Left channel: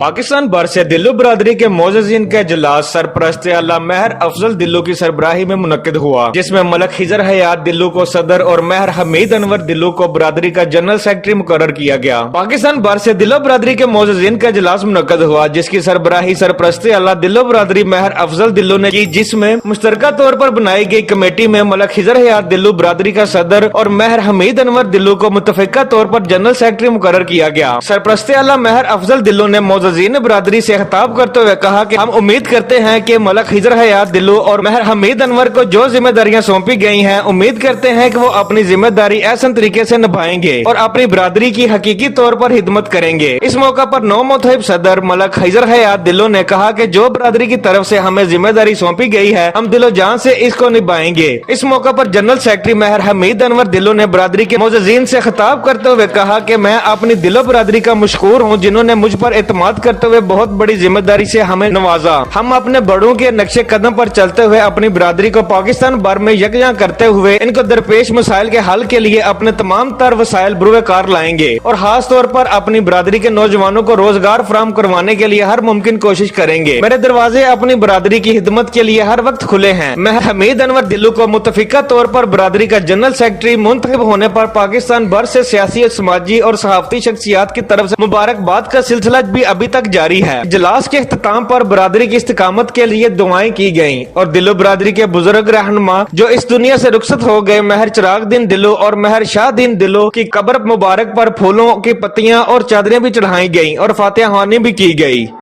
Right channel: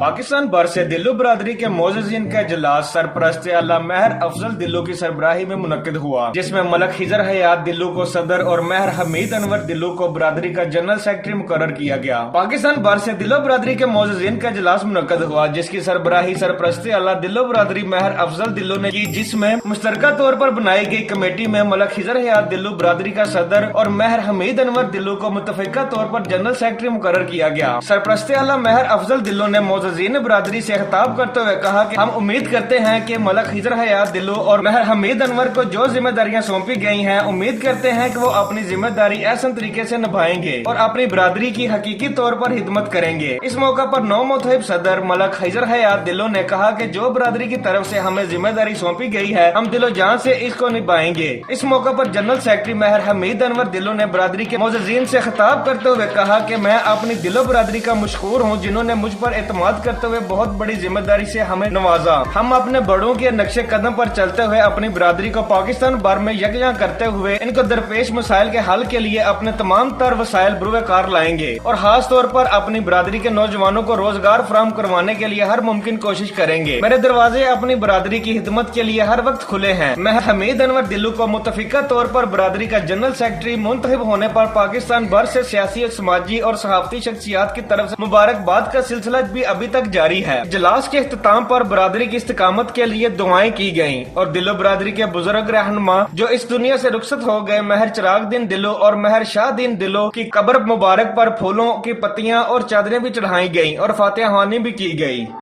पाकिस्तान भर से दिल्लो बरादरी के मोअज़्ज़िज़ीन का इजलास सरपरस्त आला महर अफजल दिल्लो की सरबराही में मुनक्किद हुआ, जिसमें मलक खिजर हयात दिल्लो को सदर और महर हमीद अनवर दिल्लो को बरादरी का जनरल सेक्रेटरी मुकर्रर किया गया। पाकिस्तान भर से दिल्लो बरादरी के मोअज़्ज़िज़ीन का इजलास मुनक्किद हुआ, जिसकी सरबराही सरपरस्त आला दिल्लो बरादरी महर अफजल दिल्लो ने की, जिसमें मुश्तरका तौर पर बनाई गई कमेटी में मलक खिजर हयात दिल्लो बरादरी का सदर और महर हमीद अनवर दिल्लो को मुतफिका तौर पर जनरल सेक्रेटरी मुकर्रर किया गया। सरपरस्त आला महर अफजल दिल्लो ने मोअज़्ज़िज़ीन बरादरी से खिताब करते हुए कहा कि हम उम्मीद करते हैं कि मलक खिजर हयात दिल्लो और महर हमीद अनवर को जो जिम्मेदारियां सौंपी गई हैं, उम्मीद करते हैं कि वो अपनी जिम्मेदारी ऐसा तरीके से निभाएंगे और अपनी बरादरी की हकीकी तौर पर हिदमत करेंगे। इस मौका पर नौ मुतहिब सदर मलक खिजर हयात दिल्लो ने कहा कि जो बरादरी की तरफ से हमें जिम्मेदारी सौंपी गई है, हम दिलो जान से इसको निभाएंगे। इस मौका पर जनरल सेक्रेटरी महर हमीद अनवर दिल्लो ने बरादरी के मोअज़्ज़िज़ीन से खिताब करते हुए कहा कि मैं अपनी दिलो बरादरी का मशकूर हूँ, जिन्होंने मुझ पर एतमाद करते हुए बहुत बड़ी जिम्मेदारी से हमें नवाजा। हम अपने बड़ों के नक्शे कदम पर चलते हुए अपनी बरादरी को पाकिस्तान भर में यकजां करते हुए इनको दरपेश मसाइल के हल के लिए अपने तमाम तर वसाइल बुरवेकार लाएंगे और खास तौर पर अपनी बरादरी के नौजवानों को रोजगार फराहम करवाने के लिए हर मुमकिन कोशिश करेंगे। मेरे दरवाजे अपनी बरादरी की खिदमत के लिए हर वक्त खुले हैं। मैं हमीद अनवर दिल्लो को मुतफिका तौर पर बरादरी का जनरल सेक्रेटरी मुंतखब होने पर पाकिस्तान भर से सियासी, समाजी और सहाफती शख्सियात की तरफ से मुबारकबाद का सिलसिला भी अभी तक जारी है। इजलास के इख्तिताम पर बरादरी की इस्तिकामत के लिए दुआएं की गयी और दिल्लो बरादरी के बुजुर्ग रहनुमा जो इस दुनिया से रुखसत हो गए, महर चिराग दीन दिल्लो और महर शाह दीन दिल्लो की कब्र मुबारक पर फूलों की पत्तियां और चादरें भी चढ़ाई गयी और फातिहा ख्वानी भी की गयी।